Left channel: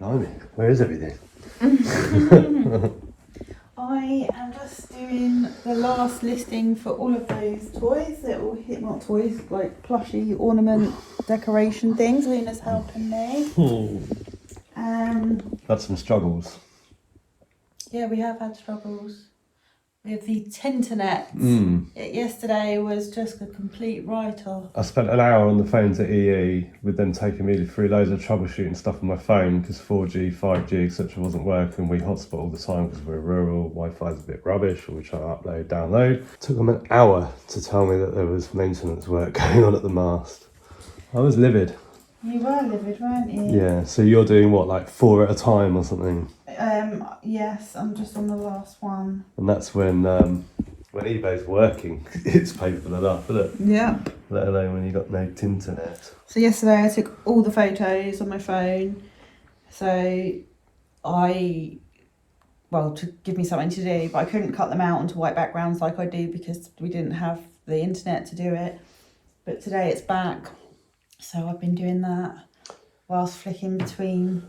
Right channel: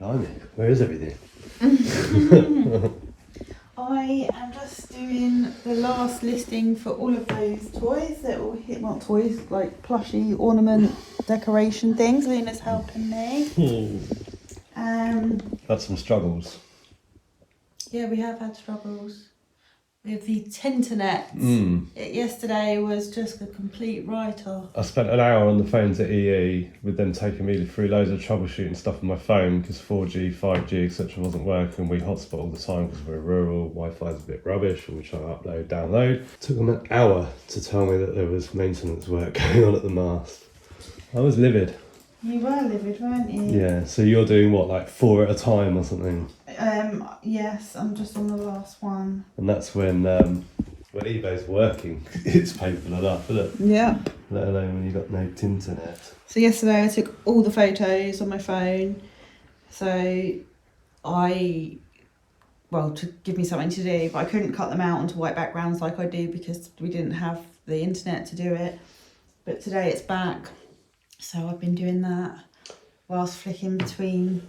Blimey, where is everything? I am just doing the last listing for all of those toys that will hit, not toys, like plushy ornament decoration things. Luna's helping me. Had some struggles. Yeah, we have had struggles with the internet. Yesterday was just a complete write-off. I spent an hour on the phones at EE with them taking me through loads of troubleshooting stuff on my phone because 4G, 5G, etc. wasn't working. We hotspot all the time because we're rural, Wi-Fi's a bit rubbish, and we try to upload, download. It took them an hour to tell me that there was maintenance work going on at the mast. I was livid. You were livid, weren't you? Yeah, so you're doing what, like 4 at a time or something? Yes, I'm just on the last one. And that's when eBay's working, it's painful enough, isn't it? Yeah. Let alone when you got no internet. So yesterday I took all the photos on my phone. So to give me something to do, but I couldn't cut them out onto white backgrounds like I do because we didn't have the internet to do it. But today it's back. So I've been doing that whilst flicking between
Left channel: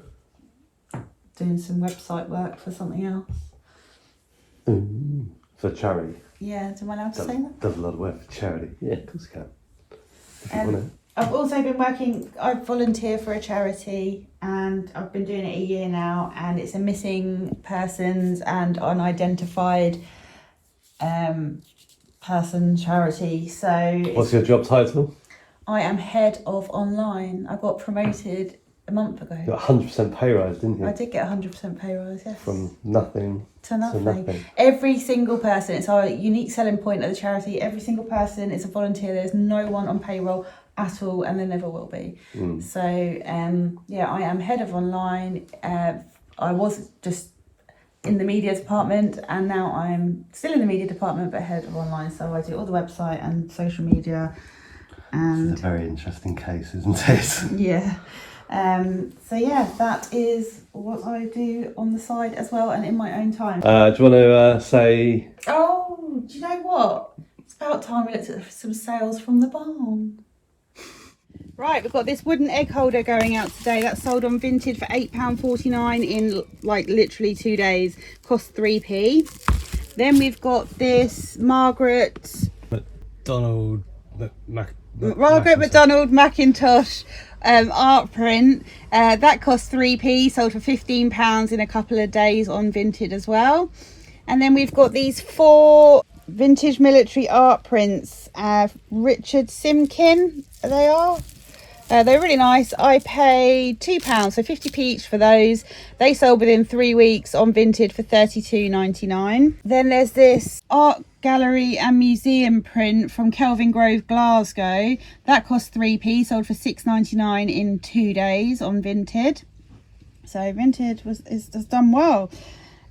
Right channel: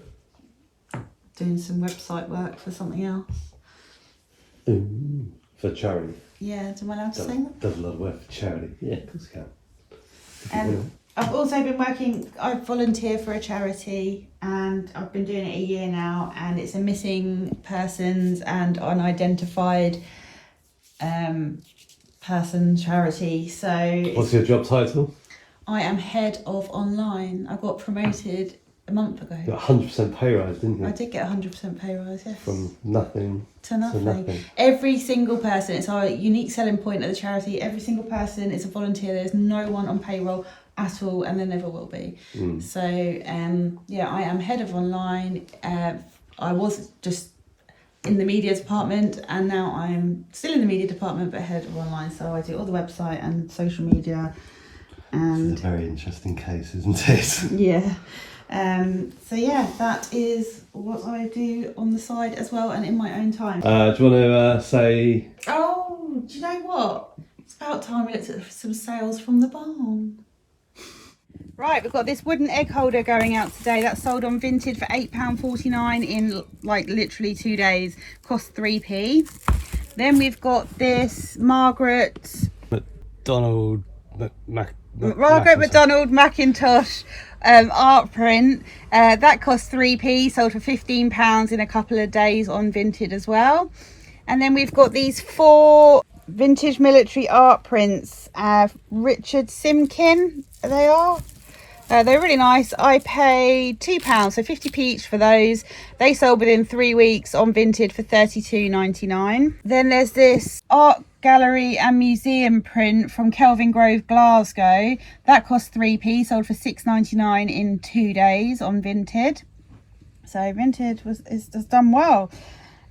doing some website work for something else. For charity. Yeah, am I allowed to say that? Does a lot of work for charity. Yeah, of course you can. I've also been working, I volunteer for a charity and I've been doing it a year now, and it's a missing persons and unidentified person charity. So what's your job title? I am head of online. I got promoted a month ago. You got 100% pay rise, didn't you? I did get 100% pay rise, yes. From nothing to nothing. Every single person, it's our unique selling point of the charity. Every single person is a volunteer. There's no one on payroll at all, and there never will be. So, yeah, I am head of online. I was just in the media department, and now I'm still in the media department, but head of online. So I do all the website and social media. This is a very interesting case, isn't it? Yeah. So yeah, that is what I do on the side as well, and in my own time. Do you want to say... Oh, do you know what? It's about time we looked at some sales from the barn. Right, we've got this wooden egg holder going out today. That's sold on Vinted for £8.49 in like literally 2 days. Cost 3p. Then we've got this Margaret McDonald Macintosh art print. That cost 3p, sold for £15 in a couple of days on Vinted as well. And then we've got these 4 vintage military art prints. Richard Simkin, they are. They're really nice. I paid £2, so 50p each for those. They sold within 3 weeks on Vinted for £32.99. Then there's this art gallery and museum print from Kelvin Grove, Glasgow. That cost 3p, sold for £6.99 in 2 days on Vinted. So Vinted has done well.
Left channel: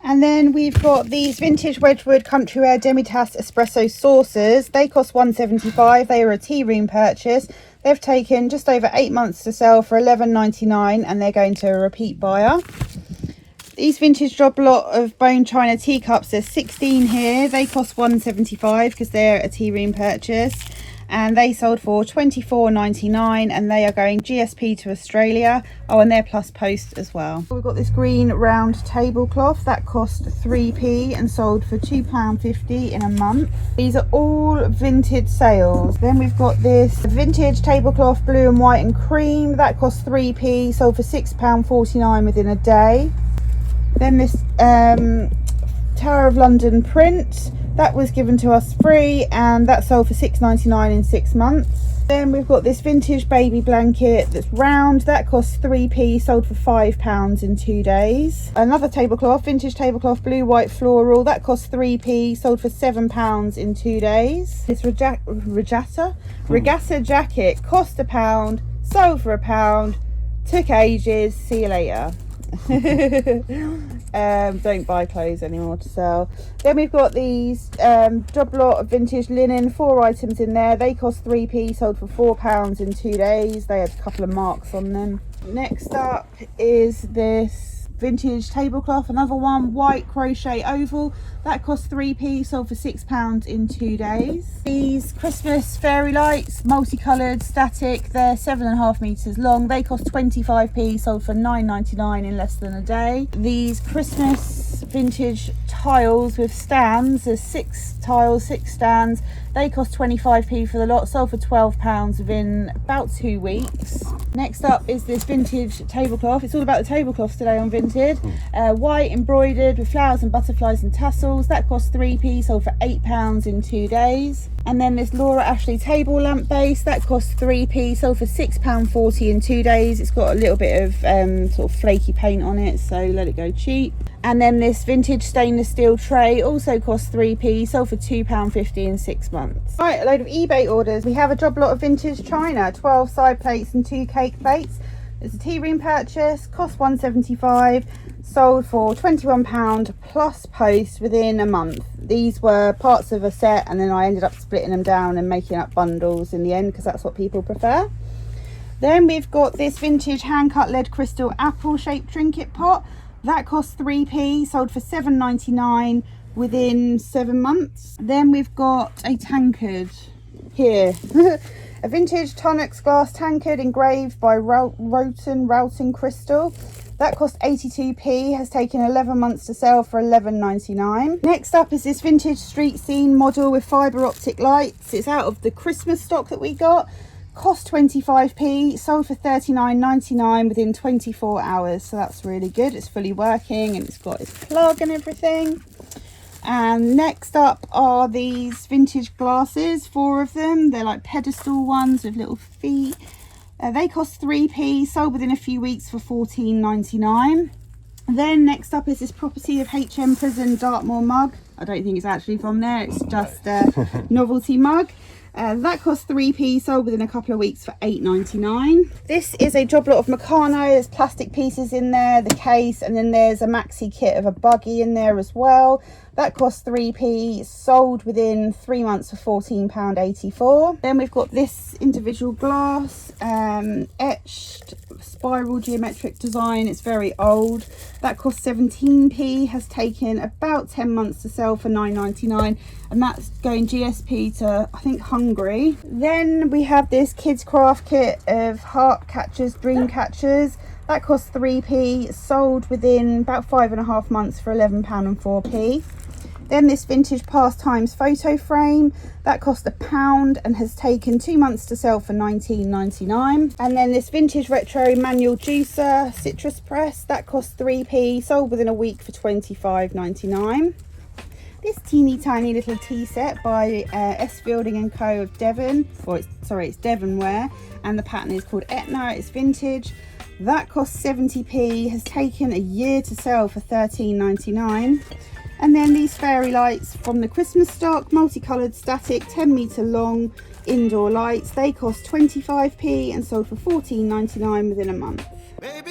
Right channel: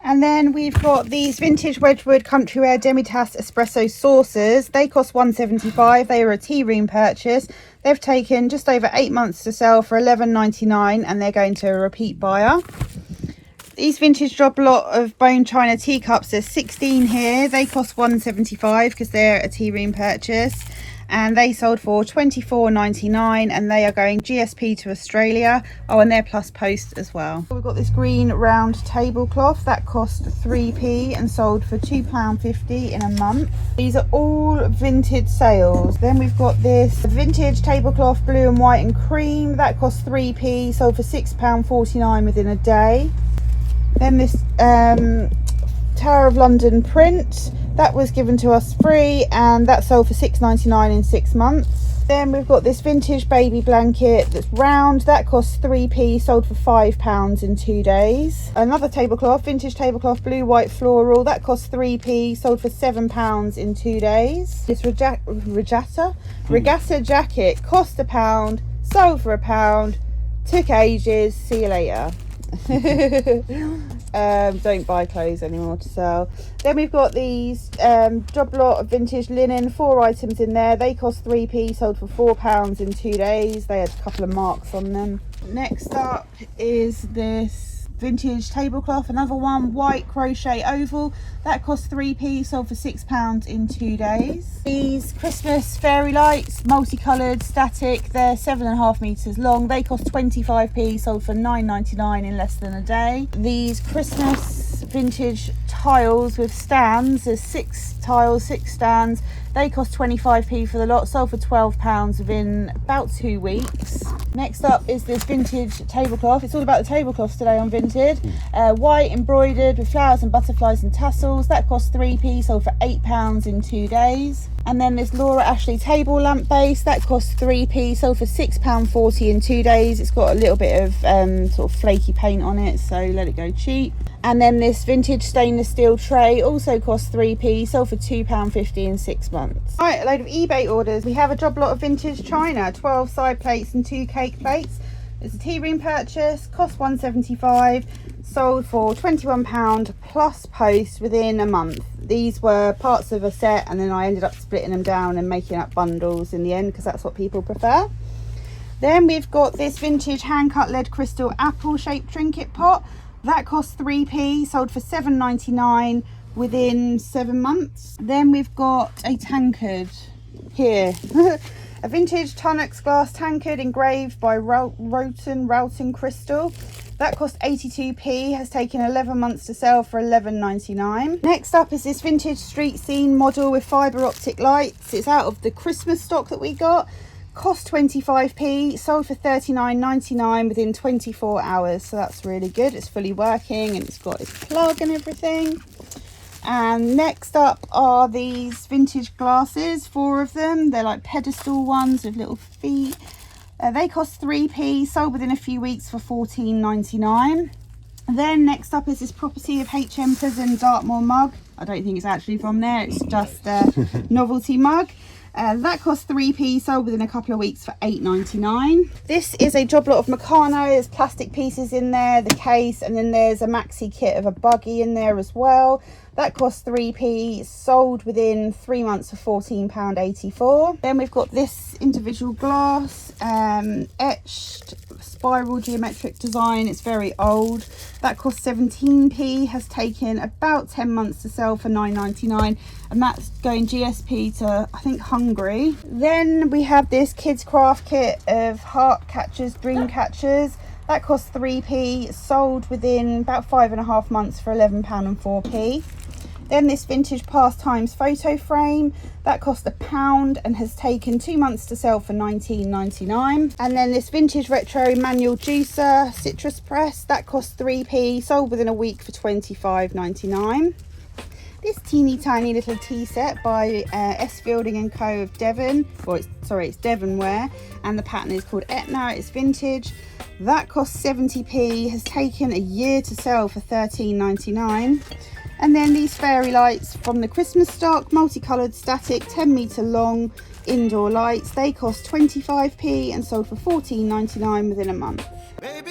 And then we've got these vintage Wedgwood Country Demitasse espresso saucers. They cost £1.75. They are a tea room purchase. They've taken just over 8 months to sell for £11.99, and they're going to a repeat buyer. These vintage job lot of bone china teacups, there's 16 here. They cost £1.75 because they're a tea room purchase. And they sold for £24.99, and they are going GSP to Australia. Oh, and they're plus post as well. We've got this green round tablecloth that cost 3p and sold for £2.50 in a month. These are all vintage sales. Then we've got this vintage tablecloth blue and white and cream that cost 3p, sold for £6.49 within a day. Then this Tower of London print, that was given to us free, and that sold for £6.99 in 6 months. Then we've got this vintage baby blanket that's round, that costs 3p, sold for £5 in 2 days. Another tablecloth, vintage tablecloth blue white floral, that costs 3p, sold for £7 in 2 days. This regatta jacket cost £1, sold for £1, took ages, see you later. Don't buy clothes anymore to sell. Then we've got these job lot of vintage linen, 4 items in there. They cost 3p, sold for £4 in 2 days. They had a couple of marks on them. Next up is this vintage tablecloth, another one, white crochet oval. That cost 3p, sold for £6 in 2 days. These Christmas fairy lights, multicoloured, static, they're 7.5 metres long. They cost 25p, sold for £9.99 in less than a day. These Christmas vintage tiles with stands, there's 6 tiles, 6 stands. They cost 25p for the lot, sold for £12 within about 2 weeks. Next up is this vintage tablecloth. It's all about the tablecloths today on Vinted. White embroidered with flowers and butterflies and tassels. That cost 3p, sold for £8 in 2 days. And then this Laura Ashley table lamp base, that cost 3p, sold for £6.40 in 2 days. It's got a little bit of sort of flaky paint on it, so let it go cheap. And then this vintage stainless steel tray also cost 3p, sold for £2.50 in 6 months. Right, a load of eBay orders. We have a job lot of vintage china, 12 side plates and 2 cake plates. It's a tea room purchase, cost £1.75, sold for £21 plus post within a month. These were parts of a set, and then I ended up splitting them down and making up bundles in the end because that's what people prefer. Then we've got this vintage hand cut lead crystal apple shaped trinket pot. That cost 3p, sold for £7.99 within 7 months. Then we've got a tankard here. A vintage Tonix glass tankard engraved by Roughton Crystal. That cost 82p, has taken 11 months to sell for £11.99. Next up is this vintage street scene model with fibre optic lights. It's out of the Christmas stock that we got. Cost 25p, sold for £39.99 within 24 hours. So that's really good. It's fully working and it's got its plug and everything. And next up are these vintage glasses, 4 of them. They're like pedestal ones with little feet. They cost 3p, sold within a few weeks for £14.99. Then next up is this property of HM Prison Dartmoor mug. I don't think it's actually from there, it's just a novelty mug. That cost 3p, sold within a couple of weeks for £8.99. This is a job lot of Meccano. There's plastic pieces in there, the case, and then there's a maxi kit of a buggy in there as well. That cost 3p, sold within 3 months for £14.84. Then we've got this individual glass, etched spiral geometric design. It's very old. That cost 17p, has taken about 10 months to sell for £9.99, and that's going GSP to, I think, Hungary. Then we have this kids craft kit of heart catchers, dream catchers. That cost 3p, sold within about 5.5 months for £11.04. Then this vintage pastimes photo frame, that cost £1 and has taken 2 months to sell for £19.99. And then this vintage retro manual juicer citrus press, that cost 3p, sold within a week for £25.99. This teeny tiny little tea set by S Fielding & Co of Devon, it's Devonware, and the pattern is called Etna. It's vintage. That cost 70p, has taken a year to sell for £13.99. And then these fairy lights from the Christmas stock, multicoloured static, 10 metre long indoor lights. They cost 25p and sold for £14.99 within a month. Baby,